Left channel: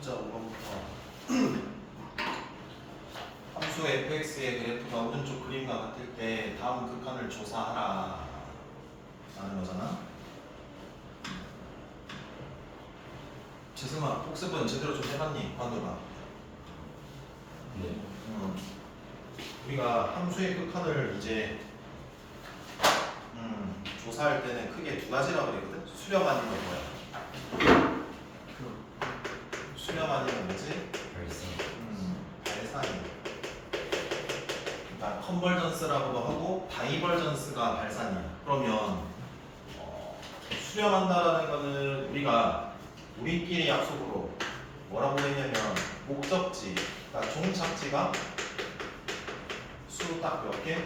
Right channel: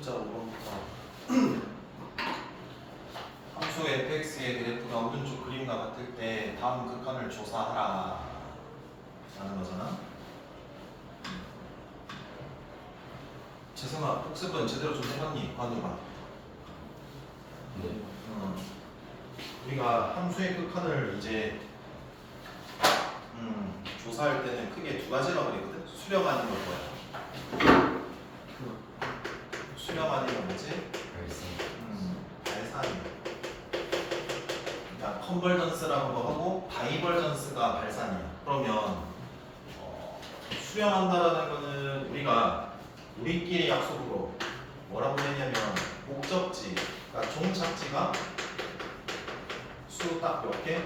자, 5번부터 함수 fx의 그래프가 오른쪽 그림과 같을 때 다음 극한을 조사하라 라는 거잖아. 재승아, 복습은 제대로 좀 해봤니? 관우가. 네. 우리가 함수의 극한을 이제 조사할 때는 크게 두 가지라고 그랬거든. 수렴 아니면 뭐야? 수렴 아니면 뭐지? 발산. 그러니까 컨버전스라고 하고 다이버전스가 발산이야. 그러면 수렴한다라는 거는 우리가 우리끼리 약속으로 뭐라고 했냐면 목적지, 그러니까 종착지가 수 딱 몇 개?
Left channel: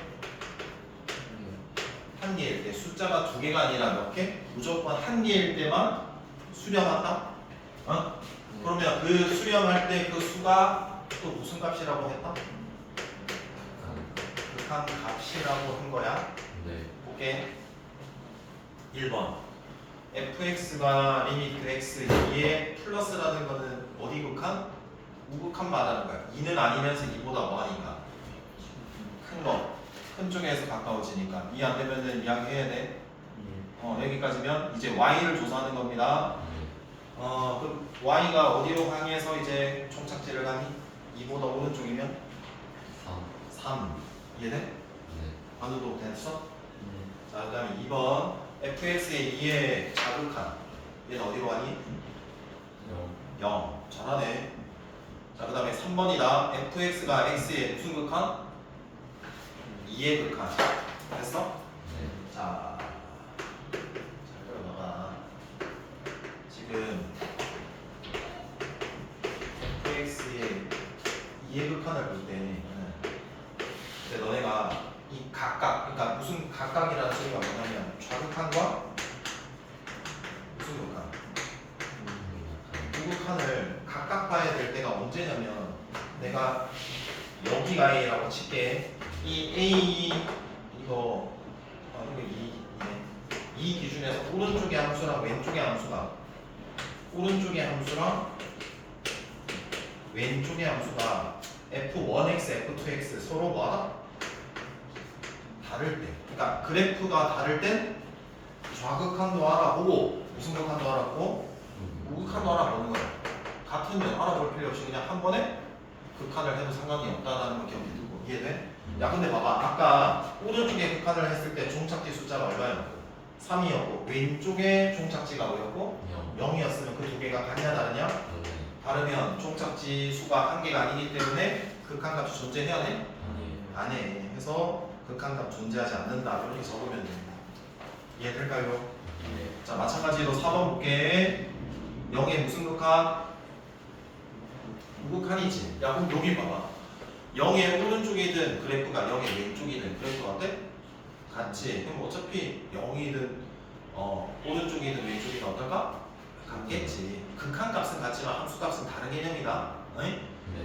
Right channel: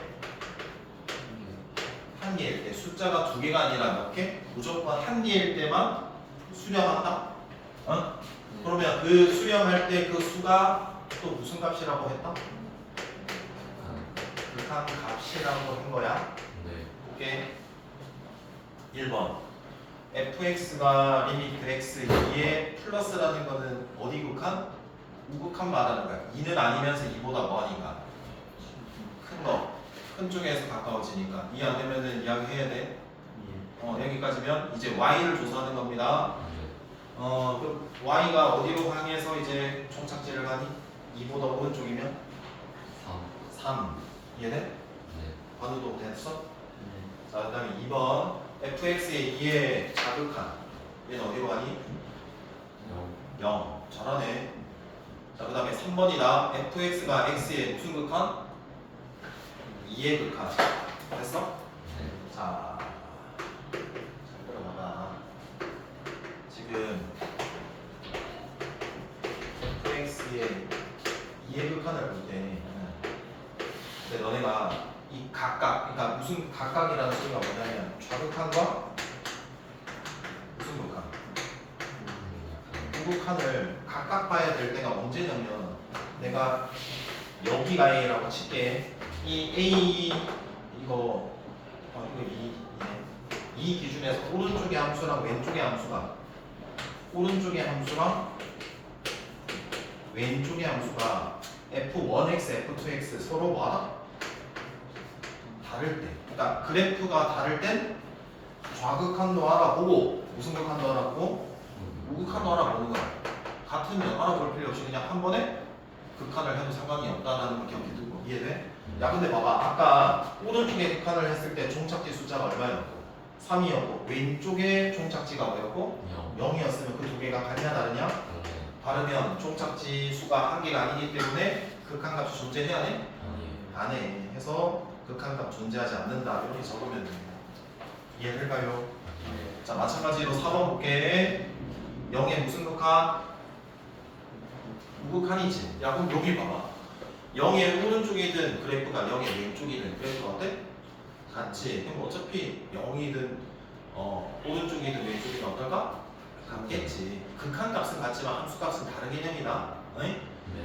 한 개일 때, 숫자가 두 개가 아니라 몇 개? 무조건 한 개일 때만 수렴한다? 어? 그러면 그 수렴할 때 그 수가 또 무슨 값이라고 했다? 극한 값이라고 한 거야. 네. 오케이. 1번 fx가 리미트 x 2에 플러스라는 거는 어디 극한? 우극한 말하는 거야. 2는 아니면서 2보다 뭐하니까? 큰 거. 큰 쪽에서 가까워지니까. 2 안 되면은 이야기해야 돼. 여기까지면 이제 y를 조사하는 겁니다. 그 y가 어디로 향해서 이제 총착지를 가니? 2보다 오른쪽이면? 3. 이해돼? 네. 반우도 됐어? 자, 그 다음에 2번 fx의 2의 자극한 얘는 어디로 가니? 0. 잘하네. 자, 그 다음에 3번이다. fx가 x의 무슨 극한? 2의 극한. 됐어? 네. 자, 잘 들어봐봐. 지금 fx의 2의 극한을 볼 때 근데 너네가 이 각각, 그러니까 무슨 각각이라는 소리가 뭐냐면 좌극한과 무슨 극한? 우극한을 각각 봐야 될 때가 언제냐면 내가 여기가 A라고 칠게. 이 A 이거 2네. 이 기준에서 오른쪽의 함수랑 왼쪽의 함수가 왼쪽의 함수가 f1x, f2x 서로 뭐하다? 다를 때. 그러니까 그래프가 다를 땐 좌극한도 알아보고 무슨 극한도 알아보고 우극한도 알아보는 거야. 같으면 알아볼 필요 없이 그냥 한 번에 극한을 해도 상관이 없다라는 걸 기억해 두고. 이해돼? 야, 근데 봐봐. 아까 오른쪽에 극한을 했을 때 종착지 숫자가 얼마였고? 3이었고 왼쪽에 종착지가 뭐였고? 0이었으면 그 두 개가 같냐 다르냐? 다르면 종착지 수가 한 개가 아니기 때문에 극한값이 존재해야 돼? 안 해. 해서 극한값 존재하지 않는다. 이렇게 적으면 됩니다. 이해될까요? 자, 마찬가지로 4번 볼게. 0의 무슨 극한? 우극한이지. 야, 그럼 여기 봐봐. 0의 오른쪽이든 그래프가 0의 왼쪽이든 그래프가 어때? 같지. 그럼 어차피 0이든 오른쪽이든 왼쪽이든 어떨까? 같겠지. 극한값은 같지만 함수값은 다른 개념이다. 네?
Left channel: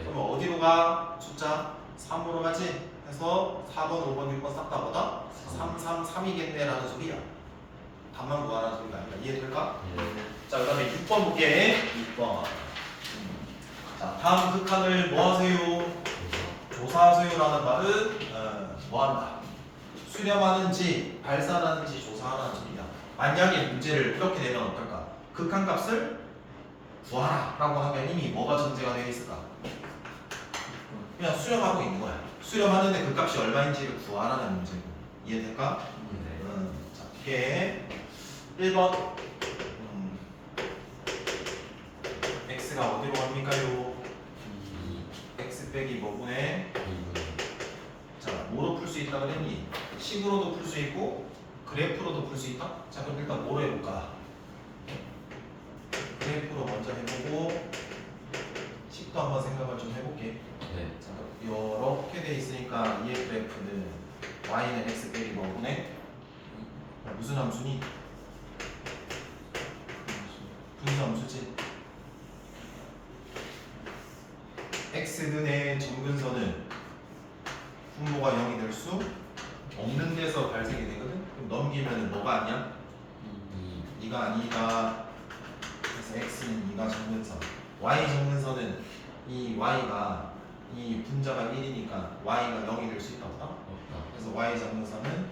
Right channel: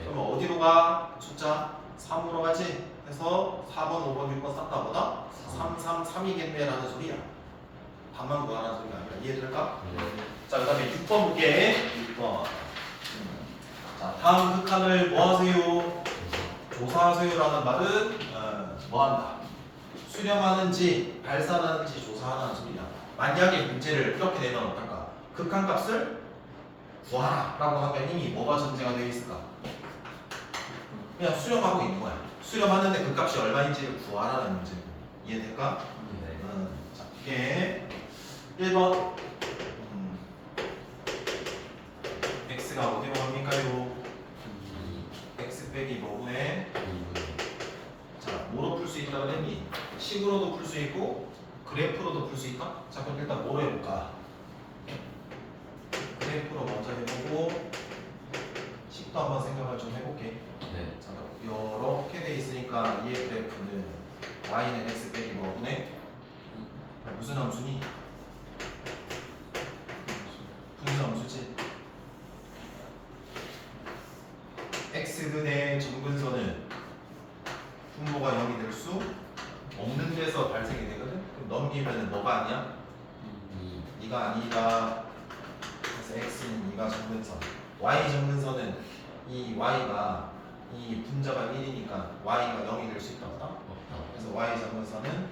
그럼 어디로 가? 숫자 3으로 가지. 해서 4번, 5번, 6번 싹 다 보다 3, 3, 3이겠네 라는 소리야. 답만 구하라는 소리가 아니라. 이해될까? 자, 그 다음에 6번 볼게. 6번. 자, 다음 극한을 뭐 하세요? 조사하세요 라는 말은 뭐 한다? 수렴하는지 발산하는지 조사하라는 소리야. 만약에 문제를 이렇게 내면 어떨까? 극한값을 구하라 라고 하면 이미 뭐가 전제가 되어 있을까? 그냥 수렴하고 있는 거야. 수렴하는데 그 값이 얼마인지를 구하라는 문제고. 이해될까? 자, 이게 1번 x가 어디로 갑니까요? x 빼기 뭐분의 자, 뭐로 풀 수 있다 그랬니? 식으로도 풀 수 있고 그래프로도 풀 수 있다? 자, 그럼 일단 뭐로 해볼까? 그래프로 먼저 해보고 식도 한번 생각을 좀 해볼게. 자, 이렇게 돼 있으니까 얘 그래프는 y는 x 빼기 뭐분의 무슨 함수니? 분수 함수지. x근의 정근선은 분모가 0이 될 수 없는 데서 발생이 되거든? 그럼 넘기면은 뭐가 아니야? 2가 아니다. 그래서 x는 2가 정근선. y 정근선은 이 y가 이 분자가 1이니까 y가 0이 될 수 있다 없다? 없다. 그래서 y 정근선은 0.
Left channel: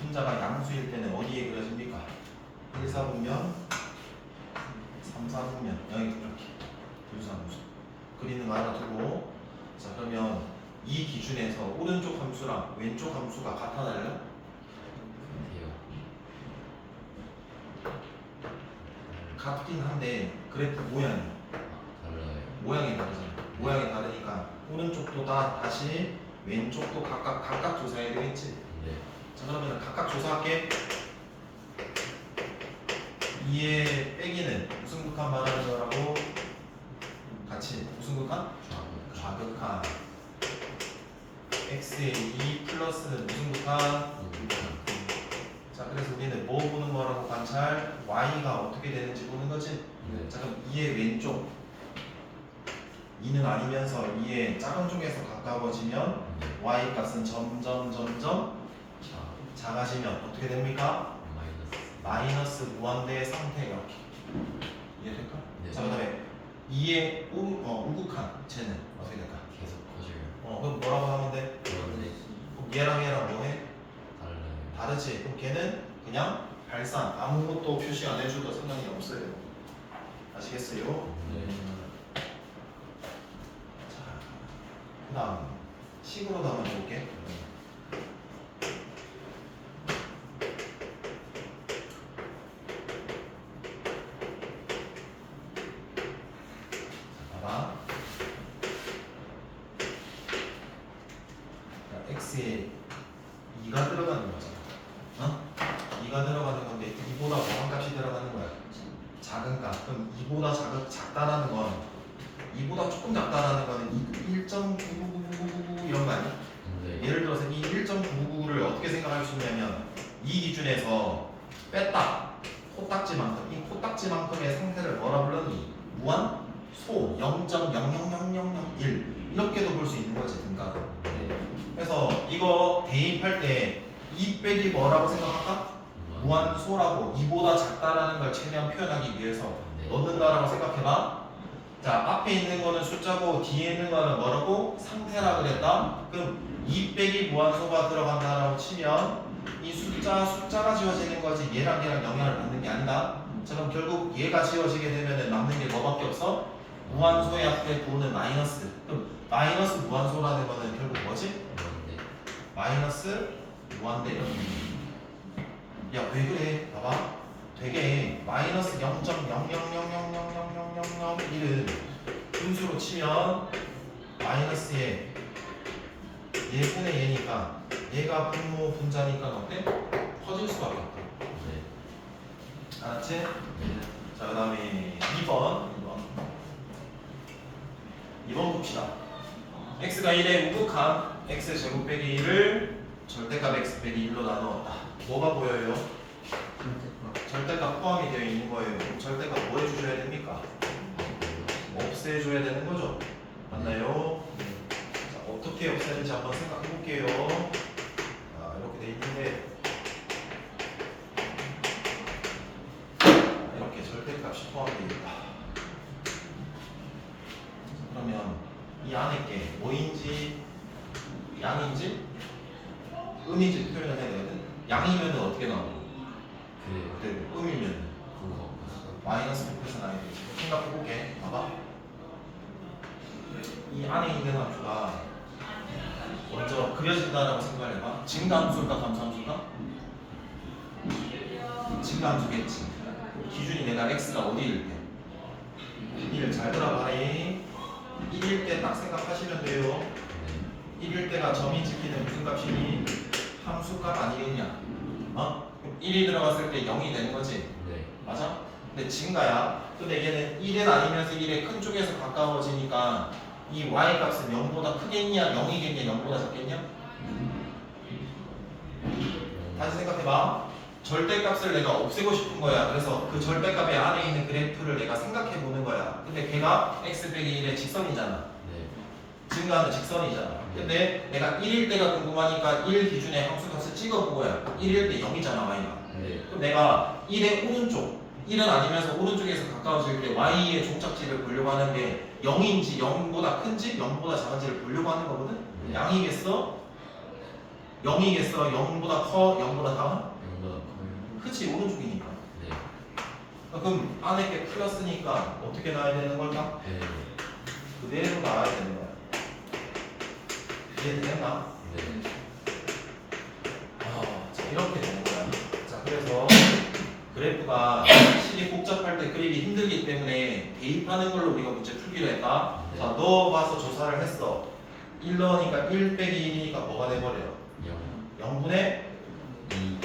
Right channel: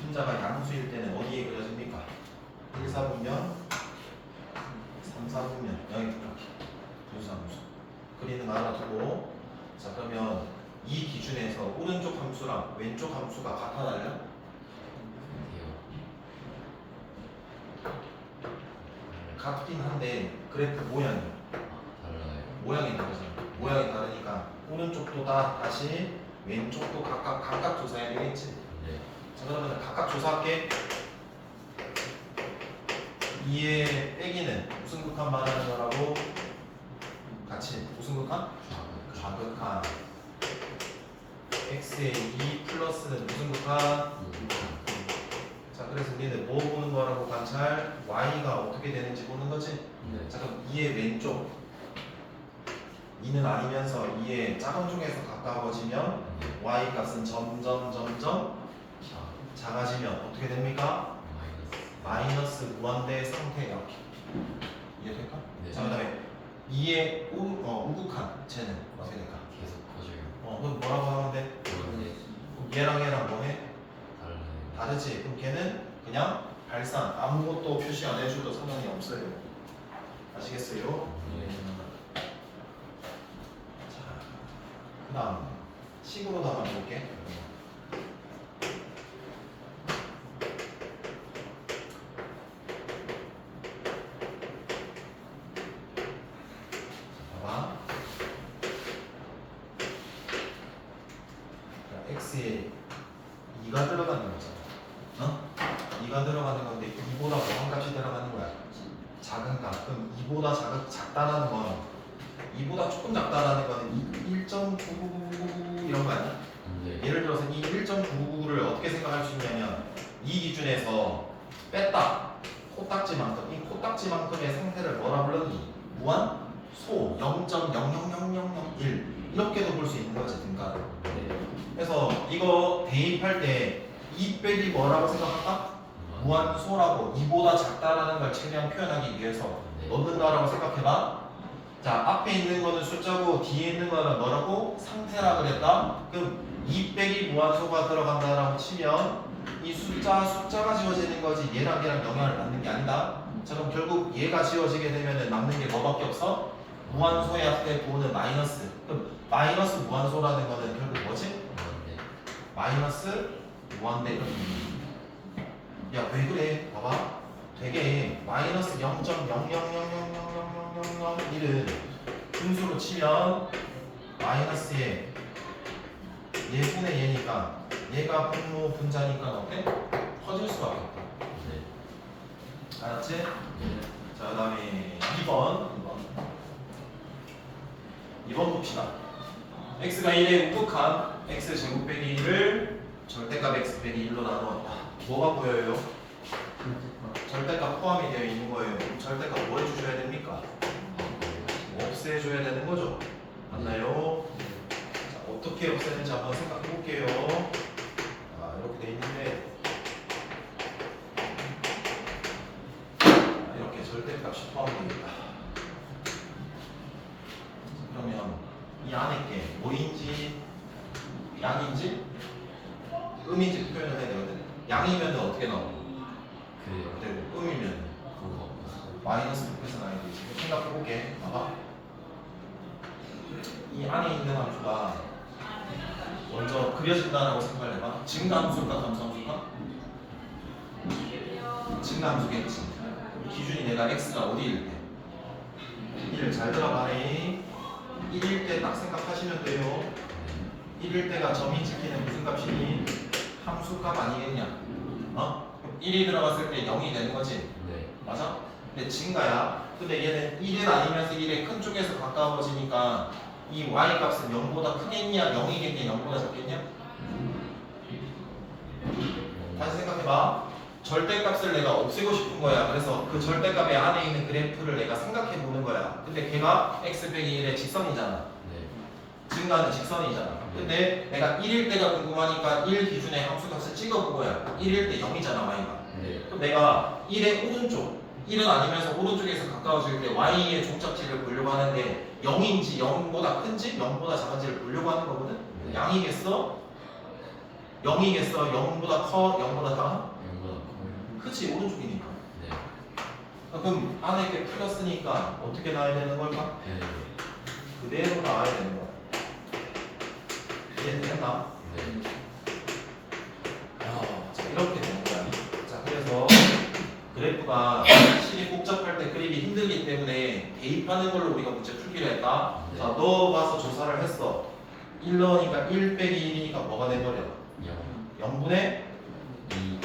분자가 양수일 때는 어디에 그려집니까? 1, 4분면 3, 4분면 여기 이렇게 분수함수 그리는 거 하나 두고 자 그러면 이 기준에서 오른쪽 함수랑 왼쪽 함수가 같아 달라? 네. 같긴 한데 그래프 모양이 달라요. 모양이 다르잖아. 모양이 다르니까 오른쪽도 다시 왼쪽도 각각 조사해야 되겠지. 네. 자 그러면 각각 조사할게. 2의 빼기는 무슨 극한 말하는 거라고? 같이 무슨 극한? 좌극한. x의 2 플러스는 무슨 극한? 자 그래서 우리는 뭐 보는 거라고 관찰? y가 어떻게 되는지 보는 거지? 네. 자 그럼 2의 왼쪽 2는 아니면서 2의 작은 쪽에서 가까워지면 y 값은 점점 작아지면 어떻게 됩니까? 마이너스 무한대 상태 이렇게 이해될까? 네. 자 그다음에 2의 우극한 쟤는 어떻게 될까? 계속 커져요. 그럼 뭐라고 하면 돼? 그런데 얘랑 뭐해? 달라요. 다르지? 그럼 걔는 그냥 발산 아무것도 표시 안 해줘도 상관이 없어요. 아시겠어요? 네. 자, 그다음 식으로도 한번 볼게. 봐봐. 자, x에 2가 들어가는 거잖아. 어? 2가 들어가는 건데 2보다 뭐한 값이 들어가는 거야? 작은 값. 그럼 2보다 작다라는 건 2보다 조금 작다라는 거는 1.99999 이런 거 아니야? 네. 예를 들어서 이 1.999를 어떻게 생각할 수 있냐면 이 기준에서 뺐다 코딱지만큼 이 코딱지만큼의 상태를 뭐라 불렀니? 무한 소 0.00001 이렇게도 볼 수 있는 거지 등가. 네. 그래서 이거 대입할 때 이 빼기 뭐라고 생각할까? 무한소라고 2보다 작다라는 걸 최대한 표현하기 위해서 네. 넣는다라고 생각해봐. 자 앞에 있는 거는 숫자고 뒤에 있는 거는 뭐라고? 상태라 그랬다. 그럼 2 빼기 무한소가 들어간다라고 치면 이 숫자가 지워지는 거지 얘랑 영향을 받는 게 아니다. 자 그럼 결국 얘가 지워지게 되면 남는 게 뭐밖에 없어? 무한소의 앞에 부호는 마이너스. 그럼 마이너스 무한소라는 거는 결국 뭐지? 네. 마이너스 무한대 이런 의미. 야 왜 그래? 봐봐. 되게 마이너스 0.000000001은 분수로 치면 마이너스에 얘분의 얘니까 얘가 분모 분자니까 어때? 커질 수밖에 없다. 네. 알았지? 네. 자 그다음에 2번 봅시다. x가 1의 우극한 x 제곱 빼기 1을 절대값 x 빼기 1로 나누었다. 뭐가 보여요? 절대값 포함이 되어 있는 거예요. 그럼 절대값 뭐 해주셔야 됩니까? 없애줘야 되는 거죠. 맞나요? 자, 어떻게 없애는지 한번 생각해 볼게요. 이렇게 돼 있는데 이렇게 절대값이 포함됩니다. 그러면 이 안에 게 뭐인지 양인지 음인지 표현을 해야 되거든. 양이면 어떻게 나오고? 그래요. 음이면 그거. 마이너스 100% 나야 되지. 생각해 볼게. 봐봐. 이 안에 있는 함수가 먼저 그려진다라고 생각을 해봐. 증가함수일까 감소함수일까? 증가함수겠지. 기준이 내가 x가 어디일 때? 1을 잘 들어봐래. 1일 때 딱 생각하시면 돼요. 1일 때가 점이 지키는 무슨 값이니? 함수값 아니겠냐? 1이 들어갔을 때 0이 되는 거지. 네. 맞아? 근데 증가야. 근데 얘는 1은 아니면서 1의 큰 쪽에서 가까워지니까 이 y 값은 0보다 크겠냐? 0이겠냐? 0보다 작겠냐? 다시 생각해봐. 절대값을 내가 없애고 싶은 거야. 그래서 그 절대값의 안에 있는 그래프를 내가 생각해 보는 거야. 근데 걔가 x 빼기 1의 직선이잖아. 네. 증가는 직선이잖아. 근데 내가 1일 때가 궁금하니까 1 기준의 함수값을 찍어본 거야. 1일 때 0이잖아, y가. 네. 그럼 내가 1의 오른쪽 1은 아니면서 오른쪽에서 가까워질 때 y의 종착지를 보려고 하는데 0인지 0보다 큰지 0보다 작은지를 보려고 하는 거거든? 네. 양이겠어? 0이겠어? 0보다 커? 0보다 작아? 이거보다 커요. 그치 오른쪽이니까. 네. 그럼 안에 게 플러스니까 어떻게 나와야 되는 걸까? 그대로 나와야 되는 거야. 이해되나? 네. 자, 이렇게 되는 거야. 자, 그래서 그래프가 실이 복잡할 때 그리기 힘들기 때문에 대입하는 걸로 우리가 문제 풀기로 했다. 네. 자, 너 가서 조사를 했어. 1 넣으니까 1 빼기 1이니까 뭐가 돼버려? 0분의 2.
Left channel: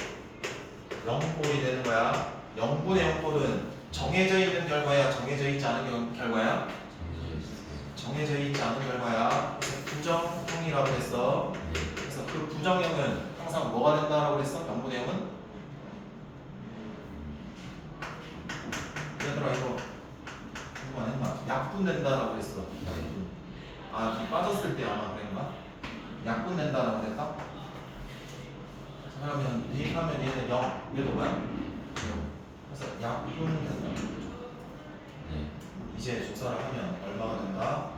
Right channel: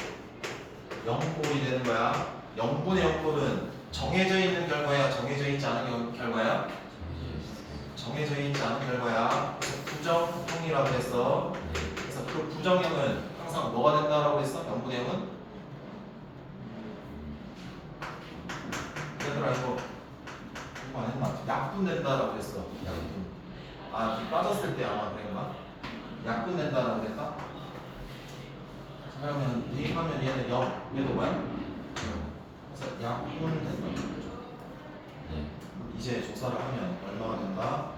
0꼴이 되는 거야. 0분의 0꼴은 정해져 있는 결과야? 정해져 있지 않은 결과야? 정해져 있지 않은 결과야. 부정형이라고 했어. 그래서 그 부정형은 항상 뭐가 된다라고 했어? 0분의 0은? 얘들아 이거 안 했나? 약분된다라고 했어. 약분. 아, 이 빠졌을 때 아마 그런가? 약분된다라고 했다? 그러면 대입하면 얘는 0, 얘도 뭐야? 그래서 약분된다. 네. 이제 조사를 하면 얼마가 된다?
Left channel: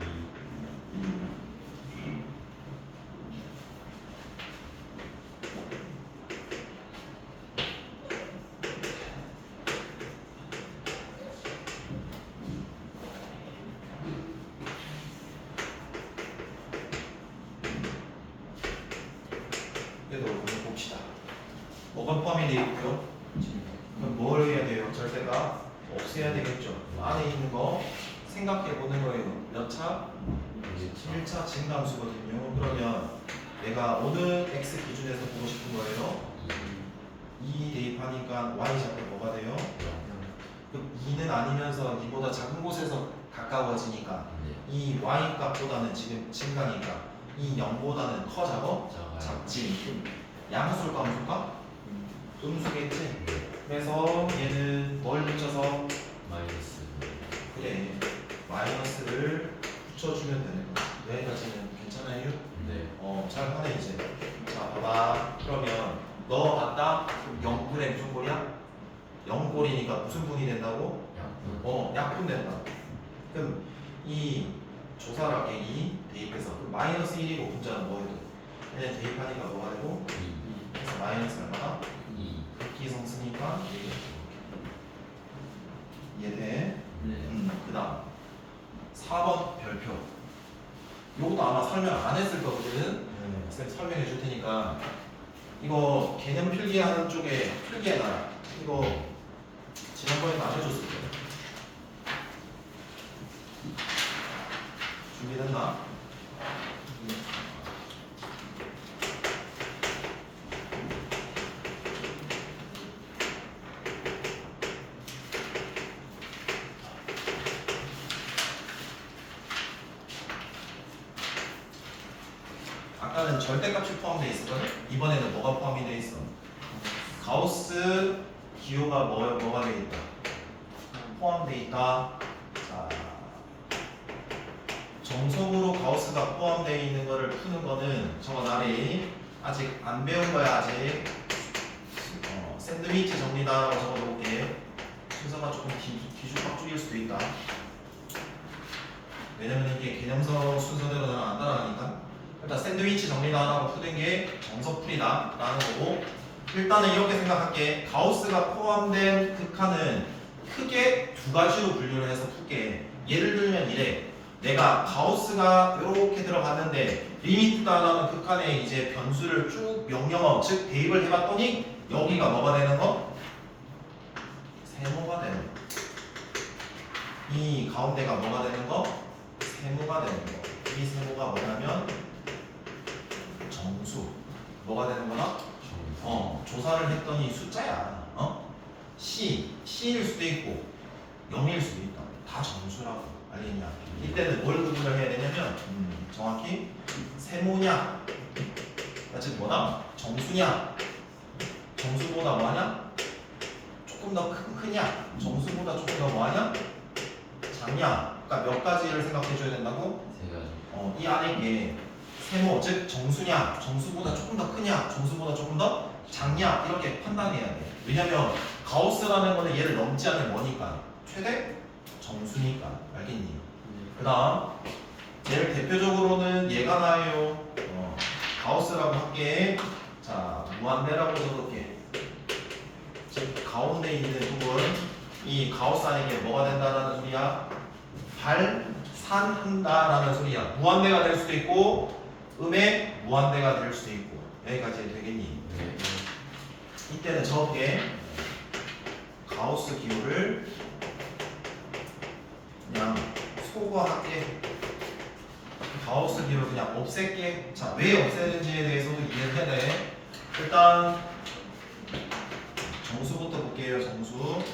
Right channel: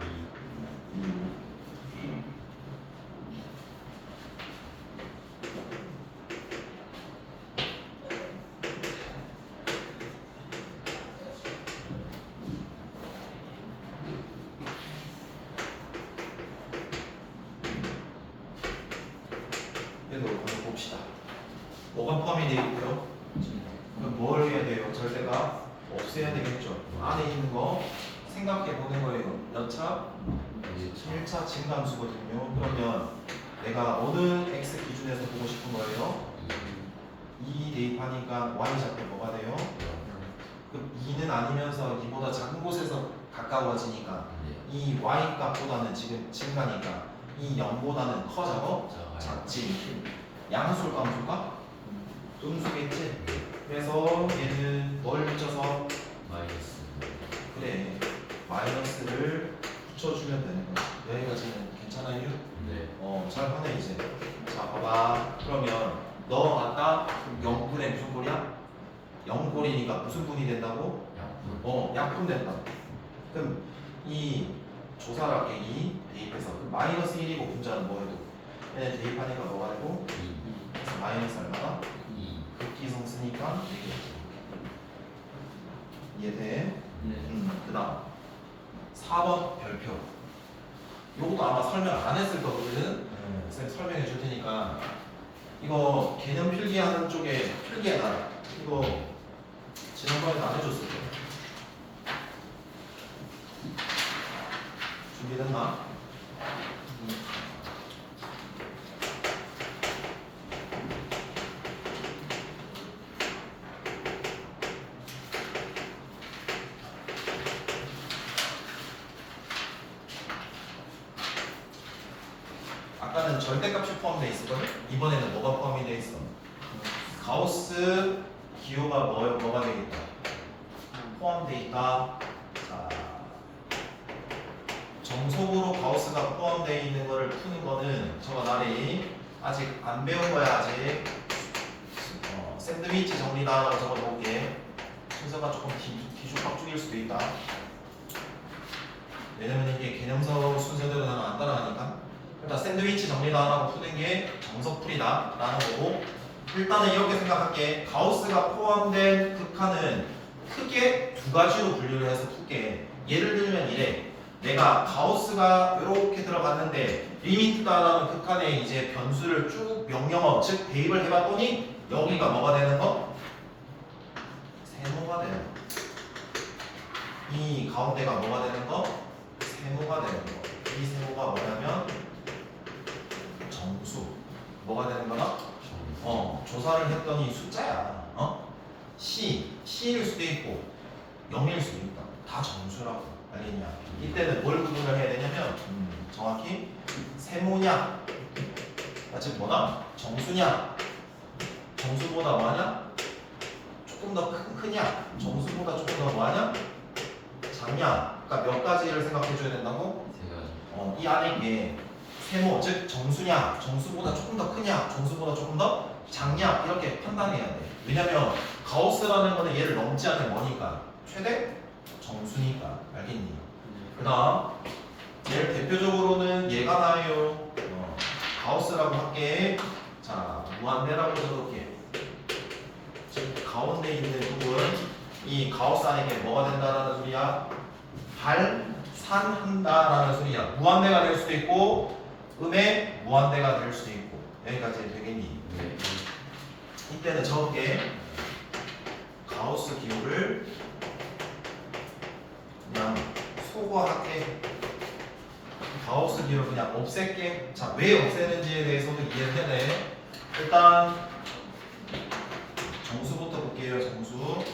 그래도 한번 봅시다. 뭐가 포함이 되어 있고요? 그럼 뭘 해야 돼요? 절대가 없애야 되겠죠. 안에 있는 거 생각해 보는 거예요. 몇 차? 1차 증감수거든요. 그러면 내가 어느 x 기준에서 보고 싶은 거예요? 2 대입하니까 y 잡고 뭐가 돼요? 그럼 2는 아니면서 2보다 작은 곳에서 가까워지니까 이 y 값보다는 지금 증가니까 이 0보다는 커 작어? 작지. 양수일까 음수일까? 음수겠지? 그래서 얘는 뭘 붙여서? 마이너스. 그래 마이너스를 붙여주면 되는 거야. 여기까지는 괜찮아요? 네. 잘 하네 이제. 자 봐봐. 그러면 너 맞다? 0분의 무슨 꼴이야? 0꼴이니까 무슨 분이 된다고? 약분. 약분 된다. 그럼 이 조사를 할게. 2 대입해서 마이너스 1이고 분자는 뭐해도 얘는 대입하니까 뭐가 되고? 2. 그래서 마이너스 얼마나? 2. 극기성 쓰니까 이해돼? 네. 그 다음 4번 별표. 요것도 아마 설명 안 했을 거거든. 쌤 설명해 줄 테니까 이거 개념 필기하는 쪽에 필기해놔. 이거 지난번에 안 해줬을 거야. 준비됐나? 아까는 절대값이 포함되어 있었거든? 이번에는 뭐가 포함이 되어 있어? 가우스 기호가 뭐가 되어 있다? 포함되어 있다. 자, 정석으로 가우스가 포함되어 있는 거를 푸는 거는 저거 나리 아직 안 배운 거야 아직. 샌드위치 정리다라고 적어 놓을게. 순서가 조금 뒤죽박죽일 수도 있다. 왜냐면 이게 개념서 순서대로 나는 안 따라가니까. 일단 샌드위치 정리다라고 푸는 게 정석풀이다 라는 거고, 일단은 이렇게 생각할게. 가우스가 포함된 극한은 크게 두 가지로 분류를 해서 풀게. 예를 들면 이래. 내가 가우스가 이렇게 들어갔는데 리미트다라는 극한에 이제 변수를 쭉 명령어 즉 대입을 해봤더니 여기가 뭐가 되는 거? 세모가 되는 거. 이 가운데가 뭐가 되는 거? 세모가 되는 거. 이 세모가 뭐냐면 정수. 뭐가 되는 거나? 조사를 했더니 숫자야. C일 수도 있고 0일 수도 있다. 다 정수라고. 알겠냐? 이때는 뭘 구분을 해야 되냐면 정확히 세모냐, 즉 뭐다? 정수냐, 정수보다 뭐하냐? 조금 더 크냐, 정수보다 조금 더 뭐하냐? 작냐? 그러니까 몇 가지를 생각해 줘야 된다고? 세 가지. 이 안에 이게 세모, 즉 정수냐, 정수보다 조금 더 크냐, 정수보다 조금 더 작냐 이렇게 판단해야 돼. 왜냐면 가우스라는 거는 얘를 넘지 않는 뭐니까 최대 정수니까. 알겠니? 그 다음 제일 대표적으로는 얘가 나요. 가우스라고 할게. 자, 무한대라고 적을게. 지금 가운데 있는 부분, 이 가우스 안에 이게 뭐가 된다라는 소리야? 발산한다라는 소리야. 무한대가 될 수도 있고 음의 무한대가 될 수도 있고. 여기까지 되겠니? 네. 이때는 적게 가우스 기호를 그냥 소거할게. 가우스 기호를 그냥 없앨게. 자, 왜 없애는지에 대해서도 이해를 해야 돼. 일단 정수부터 볼게요. 정수.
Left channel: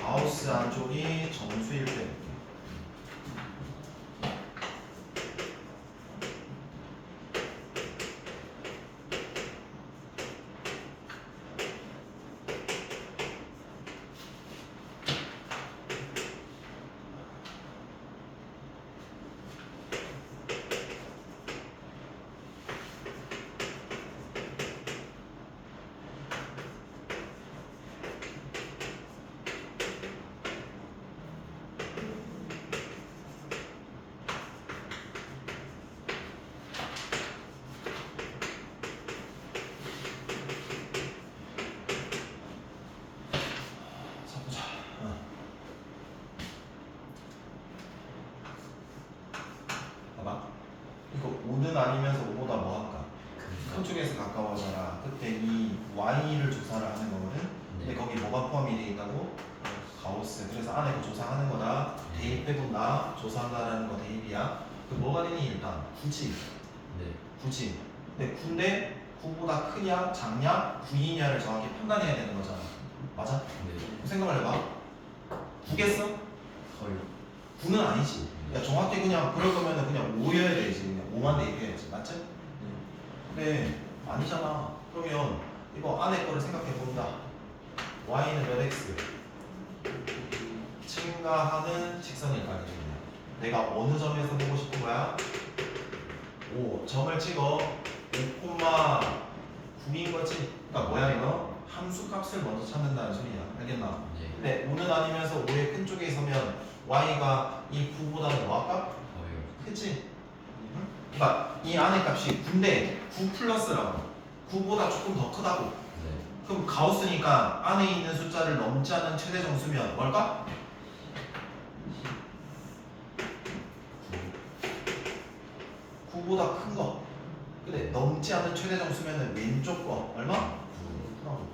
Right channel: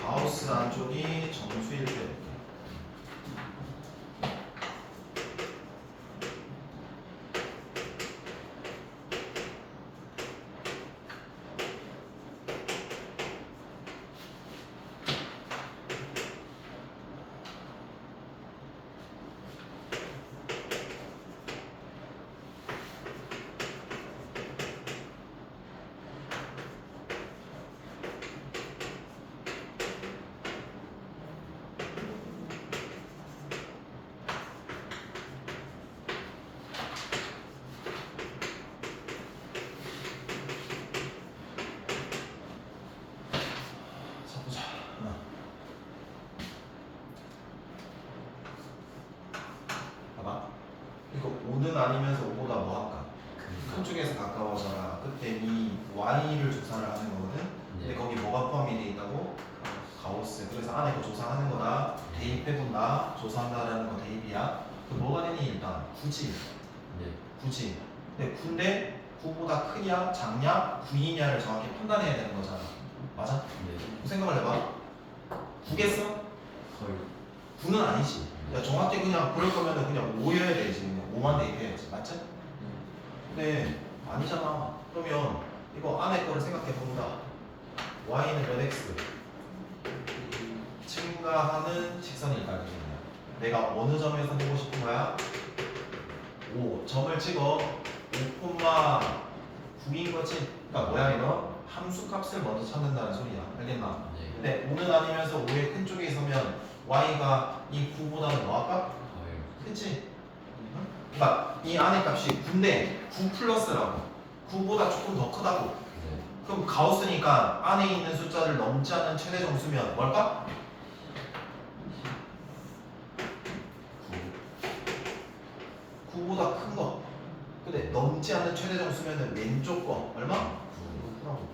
가우스 안쪽이 정수일 때. 자, 보자. 봐봐. 이거 5는 아니면서 5보다 뭐 할까? 한쪽에서 가까워져라. 그때 이 y를 조사를 하는 거거든. 근데 거기 뭐가 포함이 돼 있다고? 가우스. 그래서 안에 거 조사하는 거다. 대입해본다. 조사한다라는 거 대입이야. 그 뭐가 되니 일단 굳이. 네. 굳이. 근데 9보다 크냐 작냐 9이냐를 정확히 판단해야 되는 거잖아. 맞아? 네. 생각을 해봐. 9겠어? 거의. 9는 아니지. 야, 정확히 그냥 그럴 거면은 그냥 5여야 되지. 그냥 5만 대입해야지. 맞지? 근데 아니잖아. 그러면 이거 안에 거를 생각해 본다. y는 몇 x? 증가하는 직선일까요? 내가 어느 점에서 보고 싶은 거야? 5. 점을 찍어. 5,9인 거지. 그러니까 뭐야 이거? 함수 값을 먼저 찾는다는 소리야. 알겠나? 네. 근데 5는 아니면서 5의 큰 쪽에 서면 y가 이 9보다는 뭐 할까? 거의. 그치? 응? 그러니까 이 안에 값이 9인데 9 플러스라고. 9보다 조금 더 크다고. 네. 그럼 가우스니까 안에 있는 숫자를 넘지 않는 최대 정수면 뭘까? 9보다 큰 거. 근데 넘지 않는 최대 정수면 왼쪽 거 얼마? 9라고.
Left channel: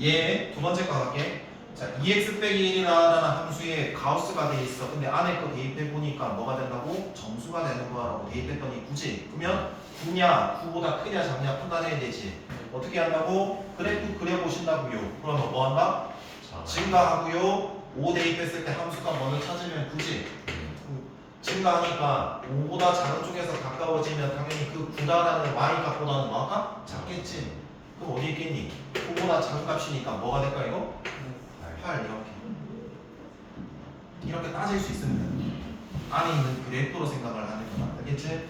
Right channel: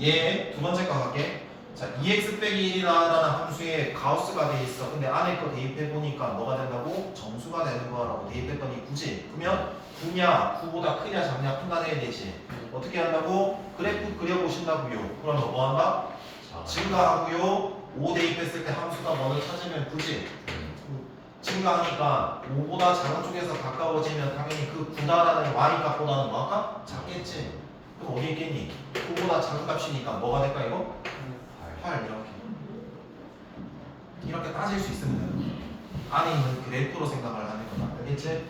얘 두 번째 거 갈게. 자, 2x 빼기 1이라는 함수에 가우스가 돼 있어. 근데 안에 거 대입해 보니까 뭐가 된다고? 정수가 되는 거라고 대입했더니 9지. 그러면 9냐, 9보다 크냐 작냐 판단해야 되지. 어떻게 한다고? 그래프 그려보신다고요. 그러면 뭐 한다? 증가하고요. 5 대입했을 때 함수가 뭐를 찾으면 9지. 증가하니까 5보다 작은 쪽에서 가까워지면 당연히 그 9다라는 y 값보다는 뭐 할까? 작겠지. 그럼 어디 있겠니? 9보다 작은 값이니까 뭐가 될까 이거? 8 이렇게 따질 수 있으면 안에 있는 그래프로 생각을 하는 거다. 알겠지?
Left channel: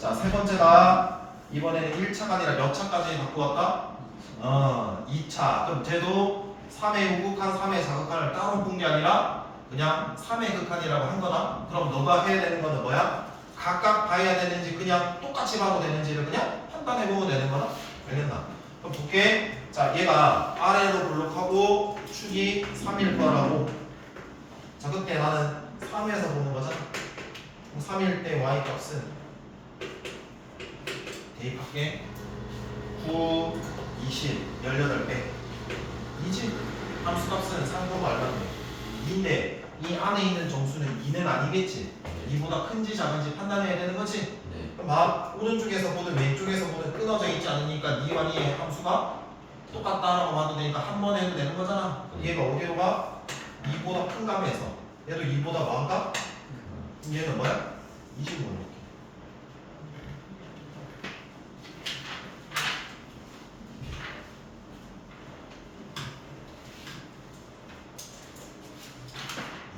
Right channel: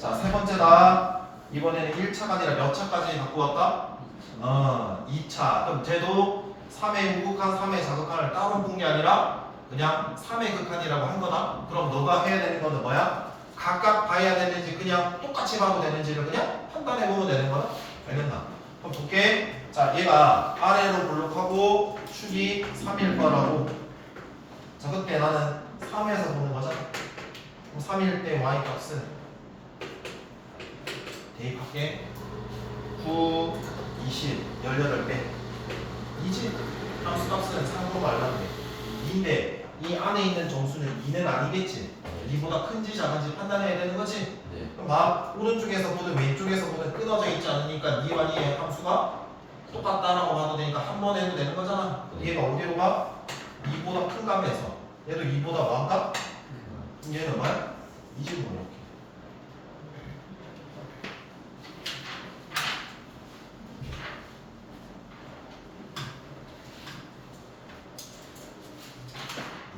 자, 세 번째다. 이번에는 1차가 아니라 몇 차까지 갖고 왔다? 2차. 그럼 쟤도 3의 우극한 3의 자극한을 따로 본 게 아니라 그냥 3의 극한이라고 한 거다. 그럼 너가 해야 되는 거는 뭐야? 각각 봐야 되는지 그냥 똑같이 봐도 되는지를 그냥 판단해 보면 되는 거다. 알겠나? 그럼 볼게. 자, 얘가 아래로 블록하고 축이 3일 거라고. 자, 그때 나는 3에서 보는 거잖아. 그럼 3일 때 y 값은 대입할게. 9, 20, 18배. 이지? 함수 값은 3고 말랐네. 2인데 이 안에 있는 정수는 2는 아니겠지. 2보다 큰지 작은지 판단해야 되는 거지. 네. 그럼 봐. 오른쪽에서 보든 왼쪽에서 보든 끊어져 있지 않으니까 니와 니의 함수가 똑같다라고 봐도 되니까 한 번 해도 되는 거잖아. 얘가 어디로 가? 2보다 큰 값에서. 얘도 2보다 많은 값? 그럼 얘는 뭐야? 이 질문 이렇게.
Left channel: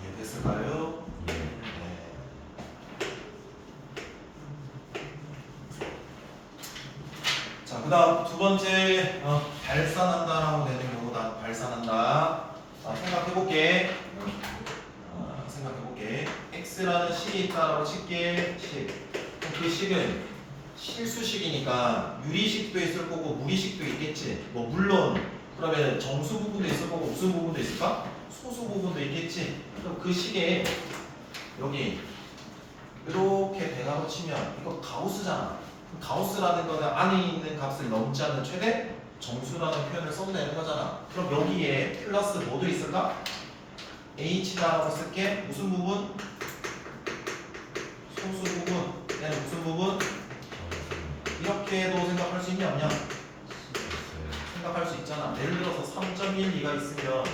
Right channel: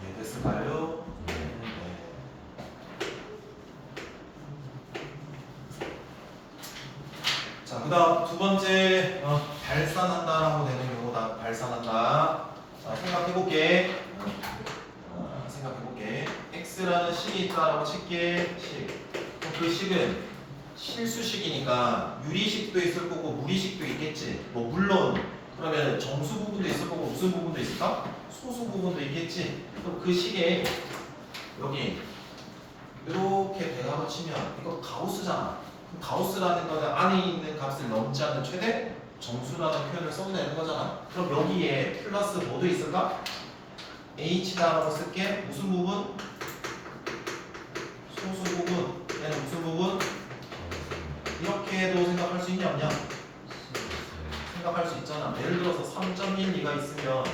이해됐을까요? 네. 네. 그다음 두 번째 발산한다라고 되는 경우다. 발산한다. 자, 생각해볼게. 생각해볼게. x라는 식이 있다라고 칠게. 식. 그럼 그 식은 실수식이니까 유리식도 있을 거고 무리식도 있겠지. 뭐 물론 그러면 정수 부분도 있을 거고 무슨 부분도 있을까? 소수 부분도 있겠지. 그럼 그 식에 여기 이렇게 대괄호 치면 이거 가우스잖아. 가우스라는 거는 안에 있는 값을 넘지 않는 최대 정수라는 표현을 써도 되는 거잖아. 그럼 여기에 플러스 뭐도 있을까? h다라고 쓸게. 무슨 부분? 소수 부분. 얘는 무슨 부분? 이렇게도 생각할 수 있냐 없냐? 생각할 수 있잖아. 예를 들어서 3.12가 있으면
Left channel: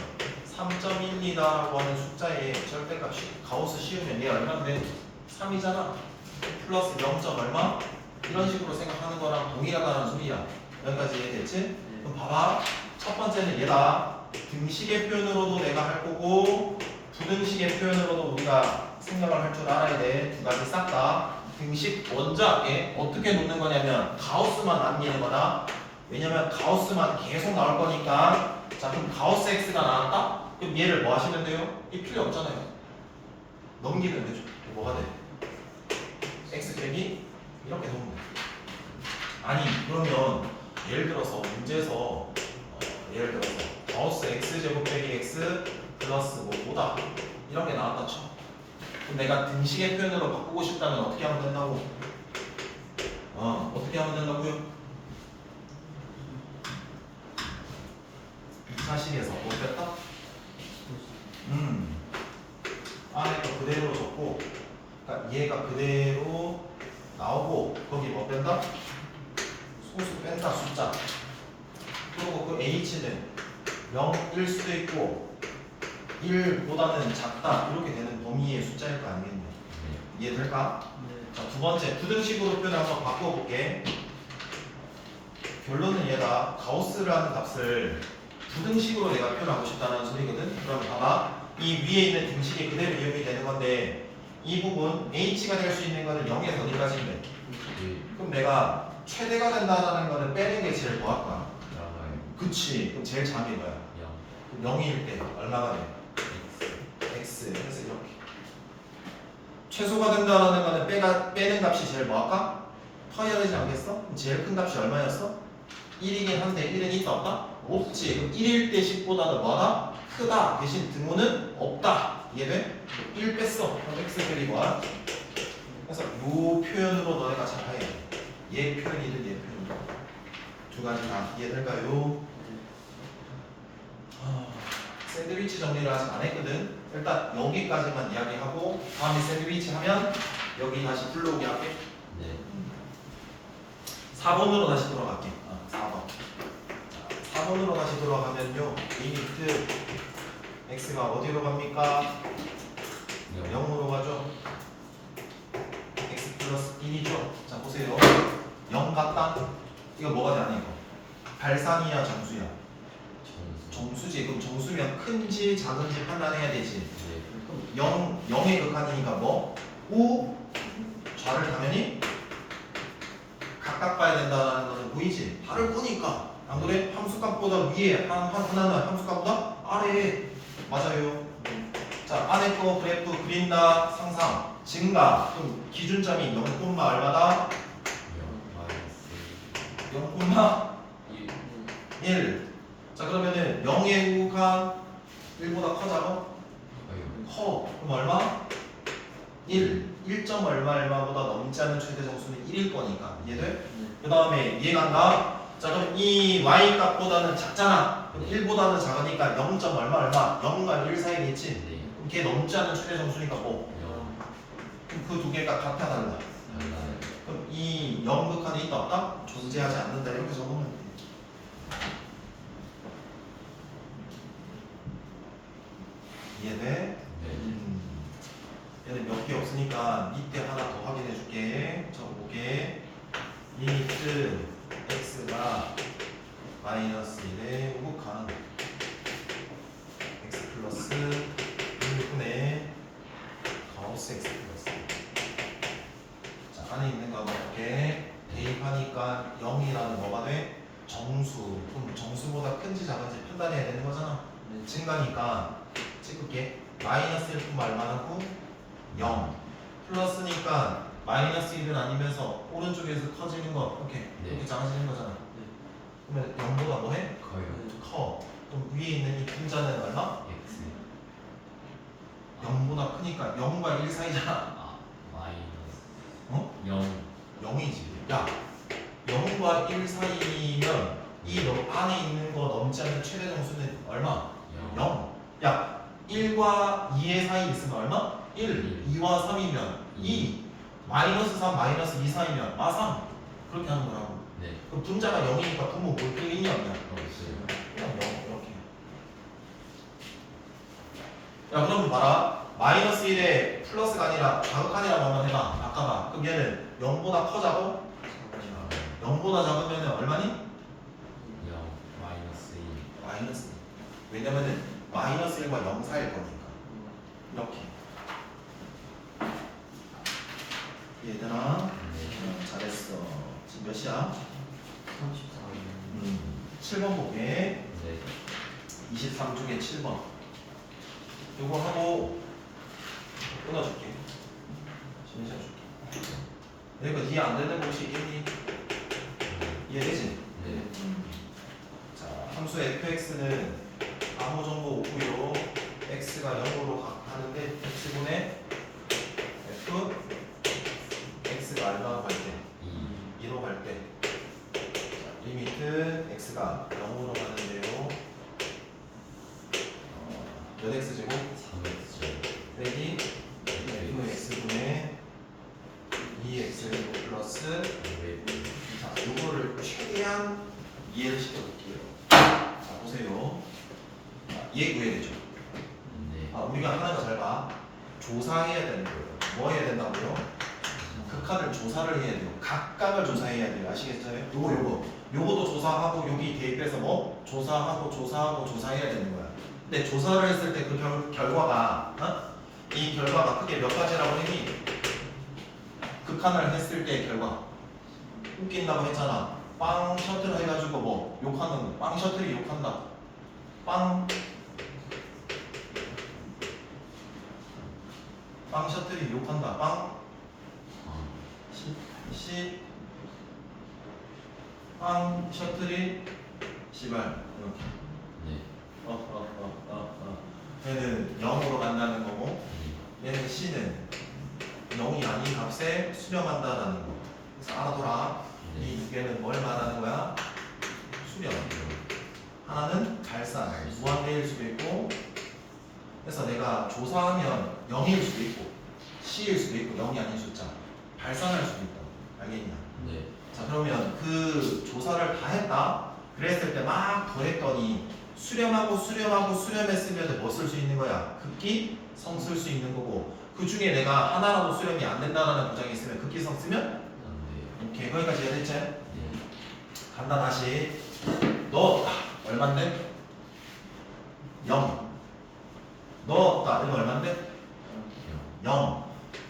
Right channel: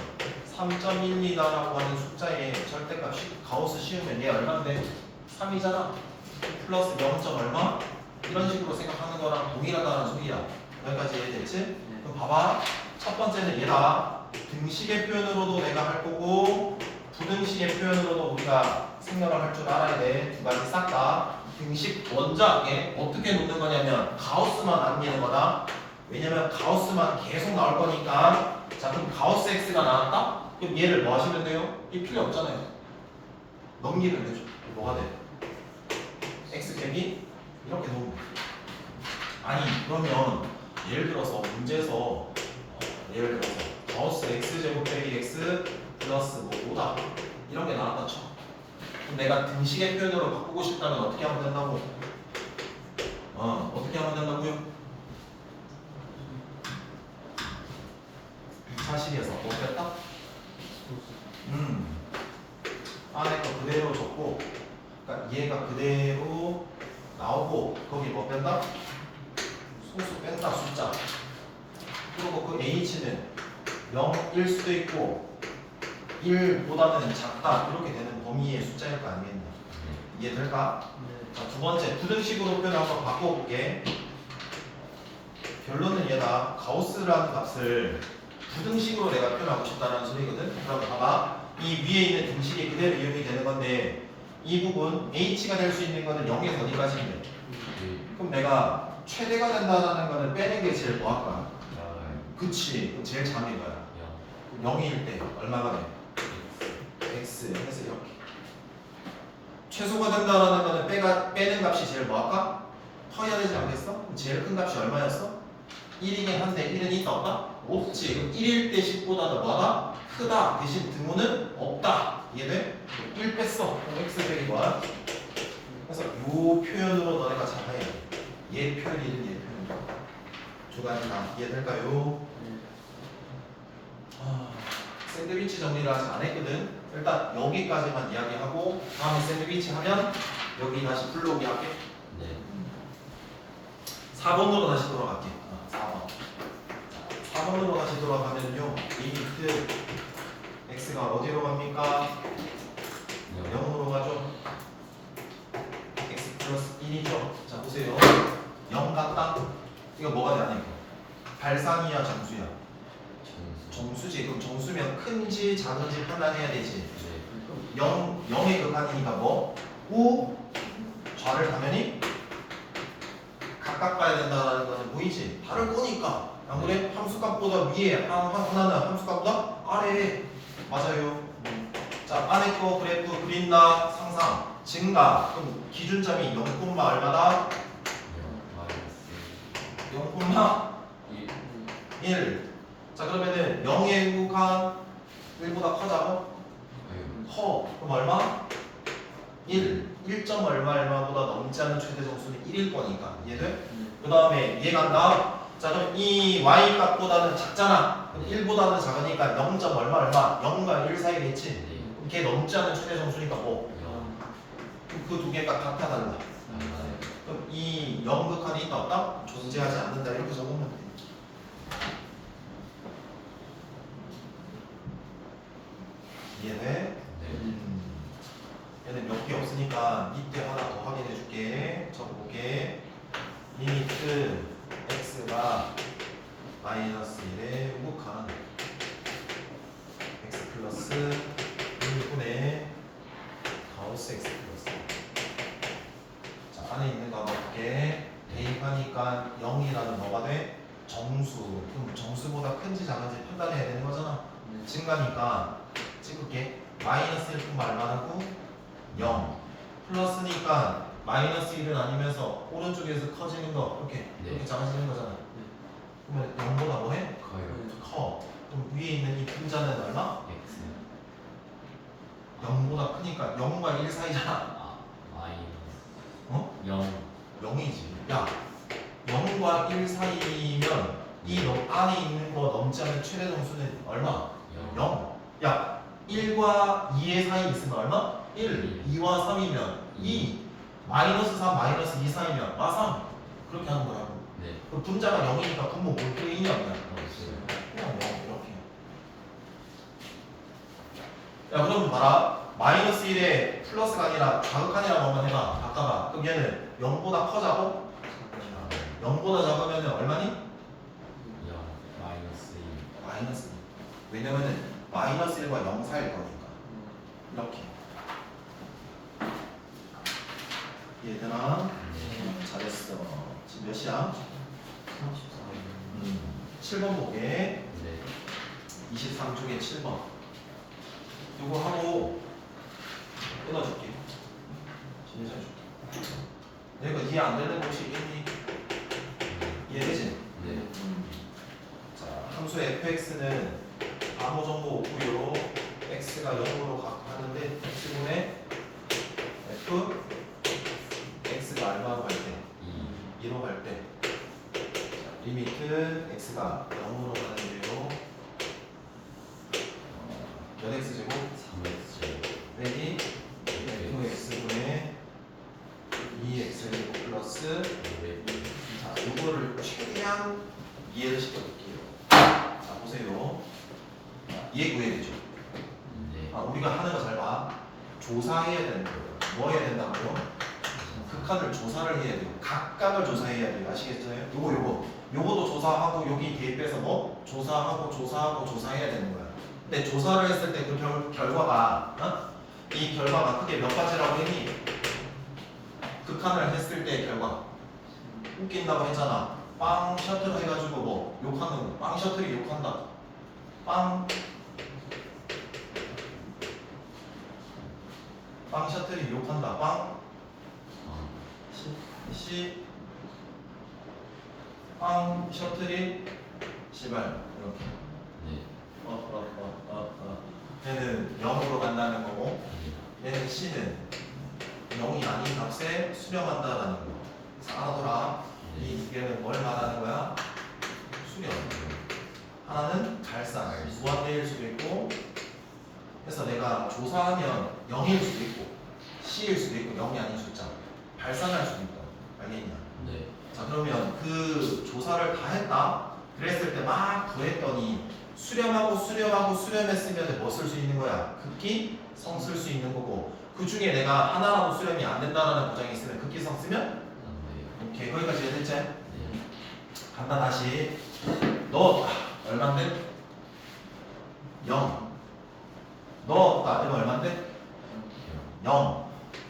3.12라고 하는 숫자의 절대값이 가우스 씌우면 얘 얼마인데? 3이잖아. 플러스 0. 얼마? 이런 식으로 생각하는 거랑 동일하다는 소리야. 여기까지 이해됐지? 그럼 봐봐. 첫 번째는 얘다. 등식의 표현으로도 내가 할 거고 부등식의 표현으로도 우리가 생각을 할 줄 알아야 돼. 두 가지 싹 다. 등식 먼저 할게. 어떻게 놓는 거냐면 가우스만 남기는 거다. 왜냐면 가우스만 계속 나올 거니까. 자, 그럼 가우스 x가 나왔다? 그럼 얘를 뭐 하시면 돼요? 이 필요 없잖아요. 넘기면 되죠. 뭐가 돼? x 빼기 이렇게 놓으면 돼. 아니 그러면 예를 들어서 문제에서 예를 들어서 가우스 x제곱 빼기 x 플러스 뭐 5다 이런 게 나왔다 쳐. 그럼 내가 등식의 표현으로 바꾸고 싶다면 어떻게 하면 된다고? 어떻게 하면 된다고요? 2차식에서 뭐 뺐다? 안에 거 그대로 적고 그러니까 얘가 그대로 나오고 거기 뭐 뺀다? 소수 뺀다 숫자. 그리고 그 h는 0일 수도 있고 1보다는 작다 이렇게 되는 범위의 숫자일 거 아니겠냐. 이해될까? 자, 두 번째 부등식으로 표현을 한번 바꿔볼게. 결론은 얘다. 가우스라는 값을 부등식으로 내가 표현하고 싶다는 소리거든. 그럼 봐봐. 이 위에 있는 등식이 그대로 이용이 되는 건데 이 부분 h가 될 수 있는 거는 0에서 어디까지인데? 그럼 내가 최대가 된다는 거는 빼는 게 제일 뭐할까? 그치. 그럼 제일 작은 게 뭐야? 0일 때 얼마가 돼? x. 그래서 이렇게. 최소가 된다는 거는 빼는 값이 제일 뭐할까? 커야 되지 않겠어? 그럼 제일 큰 값이 얼마였어? 1이긴 한데 1은 있다 없다? 없지. 그럼 1일 때 10보다는 뭐하다? 크다. 대신 등호는 없다. 이해돼? 1 뺐어. 그럼 x 빼기 뭐야? 그래서 요 표현으로 너네가 잡아야 돼. 얘 표현이든 얘 표현이든. 두 가지 다 이해될까요? 샌드위치 정리를 아직 안 했거든. 일단 여기까지만 이야기하고 다음에 샌드위치 하면 여기 다시 불러오게 할게. 네. 4번으로 다시 돌아갈게. 4번. 4번으로 다시 돌아가면요. 리미트 x가 어디로 갑니까? 0으로 가죠. x 플러스 1이죠. 자 보세요. 0 같다? 이거 뭐가 되냐 이거? 발산이야 정수야? 정수지. 그럼 정수면 큰지 작은지 판단해야 되지. 그럼 0의 극한이니까 뭐? 우 좌를 당연히 각각 봐야 된다는 거는 보이지? 다를 거니까. 안 그래? 함수값보다 위에 하나는 함수값보다 아래에. 맞아요. 자 안에 거 그래프 그린다. 상상 증가. 그럼 기준점이 0, 얼마다? 0,1. 자 그러면은 0의 극한 1보다 커져? 커. 그럼 얼마? 1. 1점 얼마보다 넘지 않는 최대 정수는 1일 거니까. 이해돼? 그 다음에 얘 간다. 자 그럼 이 y 값보다는 작잖아. 그럼 1보다는 작으니까 0. 얼마? 0과 1 사이겠지? 그럼 걔 넘지 않는 최대 정수니까 뭐? 그럼 그 두 개가 같아 달라? 그럼 이 0 극한이 있다 없다? 존재하지 않는다 이렇게 적으면 돼. 이해돼? 얘는 몇 개 없으니까 밑에 하나 더 확인해 줄게. 적어볼게. 리미트 x가 마이너스 1에 우극한 x 플러스 1분의 가우스 x 플러스. 자 안에 있는 거 한번 볼게. 대입하니까 0이라는 뭐가 돼? 작은지 판단해야 되는 거잖아. 증가니까 찍을게. 마이너스 1분 말만 하고 0 플러스니까 마이너스 1은 아니면서 오른쪽에서 커지는 거 이렇게 네. 이렇게 작아지는 거잖아. 그러면 0보다 뭐해? 커요. 커. 그럼 위에 있는 이 분자는 얼마? X. 0보다 크니까 0과 1 사이잖아. 아, 마이너스. 어? 0. 0이지. 야 0과 1 사이면 이 안에 있는 거 넘지 않는 최대 정수는 얼마? 0. 야 1과 2의 사이 있으면 얼마? 1. 2와 3이면 2. 마이너스 3, 마이너스 2 사이면 3. 그렇게 하는 거라고. 네. 그 분자가 0이니까 분모 볼 필요있냐 없냐? 없어요. 그냥 0 이렇게. 야 그럼 봐라. 마이너스 1에 플러스가 아니라 자극하니라 뭐만 해봐. 바꿔봐. 그럼 얘는 0보다 커자고 0보다 작으면 얼마니? 0. 마이너스 2. 마이너스. 왜냐면은 마이너스 1과 0 사이일 거니까. 이렇게. 얘들아 네. 잘했어. 지금 몇 시야? 7번 보게. 네. 23중에 7번. 이거 하고 끊어줄게. 진짜 줄게. 내가 이해 안 되는 곳이 있니? 이해되지? 네. 자, 함수 fx는 아무 정보 없고요. x가 0으로 하는데 x분의 f x가 얼마로 갈 때? 2로 갈 때. 자, 리미트 x가 0으로 가는데요. 몇 x제곱? 3x. 빼기 fx분의 2x제곱 플러스 자, 요거를 최대한 이해를 시켜볼게요. 자, 보세요. 얘 구해야 되죠. 네. 아, 우리가 하는 거 잘 봐. 조사해야 되는 거예요. 뭐 해야 된다고요? 극한을 조사를 해야 돼요. 각각을 조사해야 돼요. 아시겠어요? 요거도 조사하고 여기 대입해서 뭐? 조사하고 조사해야 되는 거야. 근데 조사를 했을 때 그 결과가 이 결과가 크게 몇 가지라고 했니? 극한을 했을 때의 결과 웃긴다고 했잖아. 빵 셔틀 해가지고 뭐 욕하는 거. 빵 셔틀이 욕한다. 빵 셔틀이 욕한다. 빵 셔틀이 시발 이렇게. 네. 얘는 0으로 간다는 거고 얘는 C는 0이 아닌 값에 수렴한다라는 거. 그래서 알아둬라. 이 두 개는 뭘 말하는 거야? 수렴. 하나는 발산, 무한대일 수도 있고 그래서 내가 조사하면 0일 수도 있고 C일 수도 있고 0이 아닌 숫자 발산할 수도 있다. 알겠냐? 네. 자 그러면 그 조사를 다 했다. 그랬을 때 막 더했더니 수렴하고 수렴했으면 뭐 쓸 수 있는 거야? 극기 성 쓸 수 있는 거고 그 중에 내가 하나라도 수렴이 안 된다는 보장이 있으면 극기성 쓰면 안 돼요. 오케이 거기까지 이해됐지? 네. 간다 다시 너 얼만데? 0 너 이거 얼만데? 0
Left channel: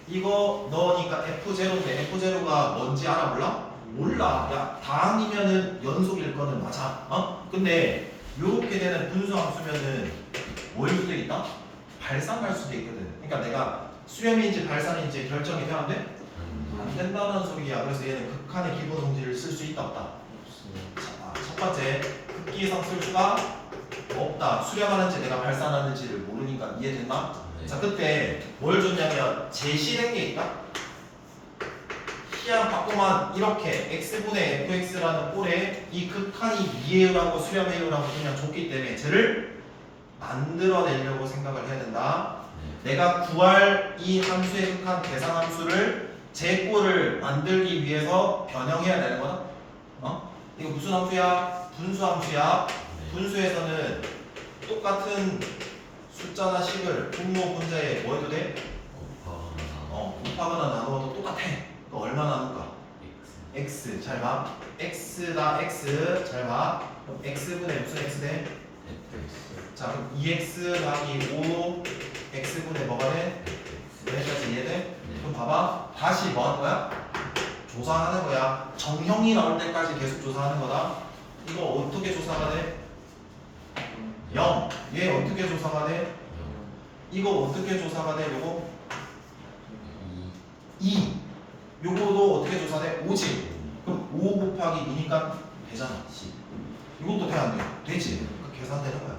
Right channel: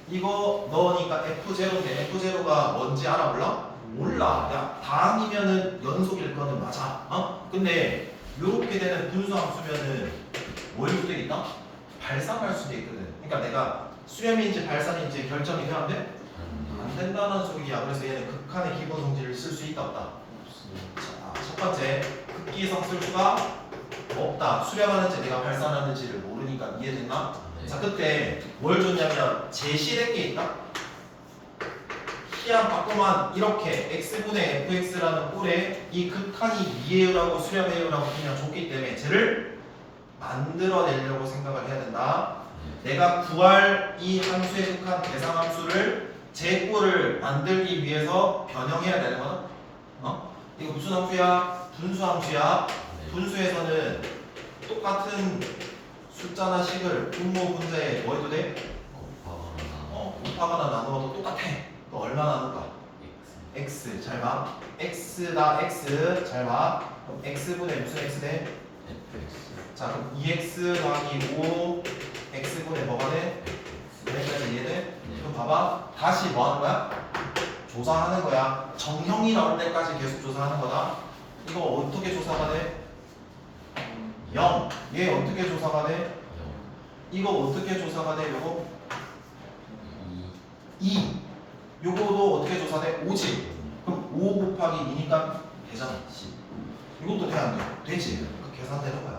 이거 넣으니까 F0인데 F0가 뭔지 알아 몰라? 몰라. 야 다항이면은 연속일 거는 맞아. 근데 요렇게 되는 분수함수면은 뭐일 수도 있다? 발산할 수도 있거든. 그러니까 내가 수렴인지 발산인지 결정이 돼야 돼? 안 된다는 소리야. 그래서 얘는 극한의 기본 성질을 쓸 수 있다 없다? 자, 첫 번째 극기성 쓸 수가 없다. 수렴하는지 내가 발산하는지를 모르니까 이해됐나? 네. 자 그때 뭘 줬냐면 제실행이 있다. 희한 바꾸만 이렇게 x분의 fx라는 꼴에 이 극한이 미해율하고 수렴해율하고 그냥 줬기 때문에 쟤를 만들어내려고 생각을 해야 된다. 네. 내가 구할 이 함수의 극한 계산함수를 제 꼴을 만들기 위해서 변형해야 되는 거다. 이거 무슨 함수야? 분수함수야. 네. 분수에서는 똑같은 숫자나 식을 분모 분자에 뭐 해도 돼? 곱하거나 나누어도 똑같아. 또 얼마 나눌까? X. x 잘 봐. x다 x 잘 봐. 그럼 x분의 무슨 x 돼? FX. 자 그럼 2x 더하기 5 x분의 뭐가 돼? 여기까지 이해돼? 네. 그럼 봐봐. 다시 뭐 하는 거야? 조사하는 거야. 정형이 나올 때까지 계속 조사하는 거다. 이거 어떻게 조사가 돼? 0. 얘 어떻게 조사가 돼? 이거 어떻게 조사가 돼? 요거 2. 요거도 어떻게 조사돼? 5지. 그럼 5 곱하기 2니까 되잖아. 10. 이것도 돼 안 돼? 되지. 그 계산되는 거야.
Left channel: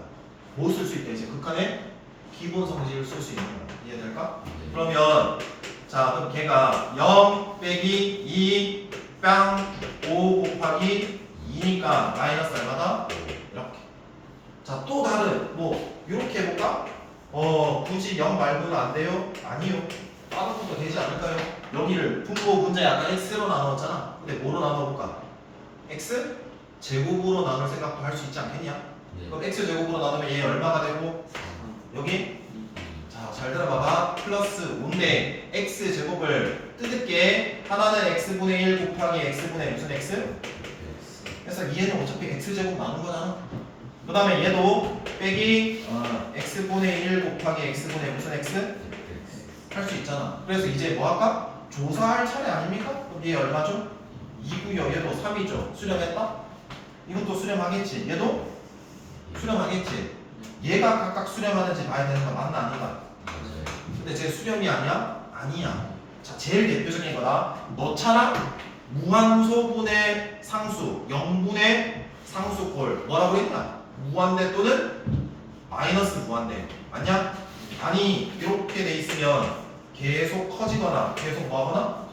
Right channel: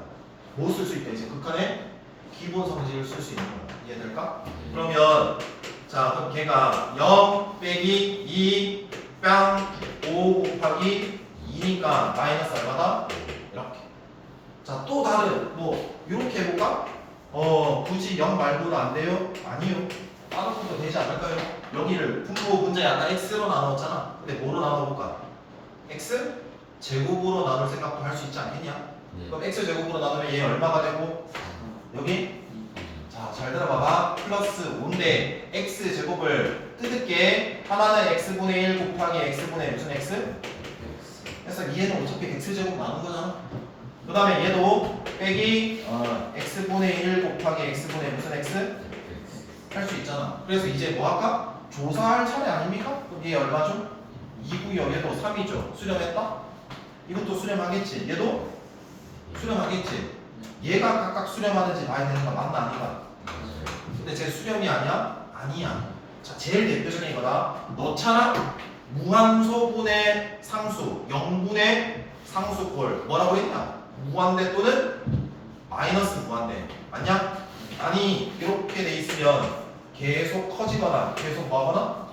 뭐 쓸 수 있다? 이제 극한의 기본 성질을 쓸 수 있는 거야. 이해될까? 그러면 자 그럼 걔가 0 빼기 2 빵 5 곱하기 2니까 마이너스 얼마다? 이렇게. 자 또 다른 뭐 이렇게 해볼까? 굳이 0 말고는 안 돼요? 아니요. 다른 것도 되지 않을까요? 여기를 분모 분자 약간 x로 나누었잖아. 근데 뭐로 나눠볼까? x 제곱으로 나눌 생각도 할 수 있지 않겠냐? 그럼 x 제곱으로 나누면 얘 얼마가 되고 여기 자 잘 들어봐봐. 플러스 5인데 x 제곱을 뜯을게. 하나는 x분의 1 곱하기 x분의 무슨 x? 그래서 얘는 어차피 x 제곱 나눈 거잖아. 그 다음에 얘도 빼기 x분의 1 곱하기 x분의 무슨 x? 할 수 있잖아. 그래서 이제 뭐 할까? 조사할 차례 아닙니까? 그럼 얘 얼마죠? 2고요. 얘도 3이죠. 수렴했다? 이것도 수렴하겠지. 얘도 수렴하겠지. 얘가 각각 수렴하는지 봐야 되는 거 맞나 아닌가? 근데 쟤 수렴이 아니야? 아니야. 자, 제일 대표적인 거다. 넣잖아? 무한소분의 상수, 0분의 상수꼴. 뭐라고 했냐? 무한대 또는 마이너스 무한대. 맞냐? 아니, 이렇게 돼 있으면 계속 커지거나 계속 뭐하거나?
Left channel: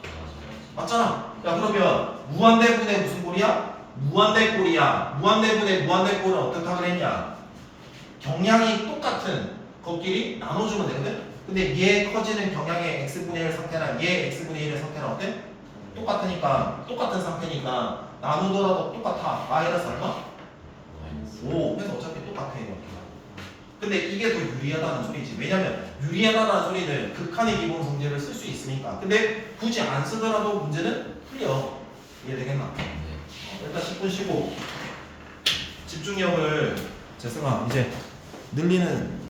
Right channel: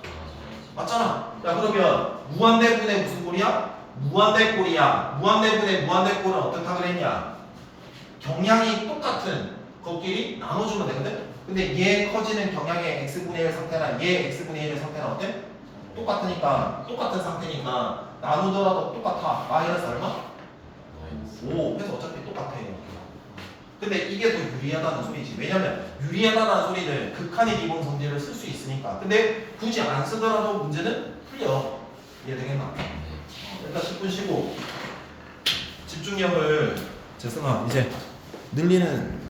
맞잖아. 야, 그러면 무한대분의 무슨 꼴이야? 무한대꼴이야. 무한대분의 무한대꼴은 어떻게 그랬냐? 경향이 똑같은 것끼리 나눠주면 되거든? 근데 얘 커지는 경향의 x분의 1 상태랑 얘 x분의 1의 상태는 어때? 똑같으니까, 똑같은 상태니까 나누더라도 똑같아. 마이너스 얼마? 5. 그래서 어차피 똑같아요. 근데 이게 더 유리하다는 소리지. 왜냐면 유리하다는 소리는 극한의 기본 성질을 쓸 수 있으니까. 근데 굳이 안 쓰더라도 문제는 풀려. 이해되겠나? 일단 10분 쉬고 집중력을 재승아 이제 늘리는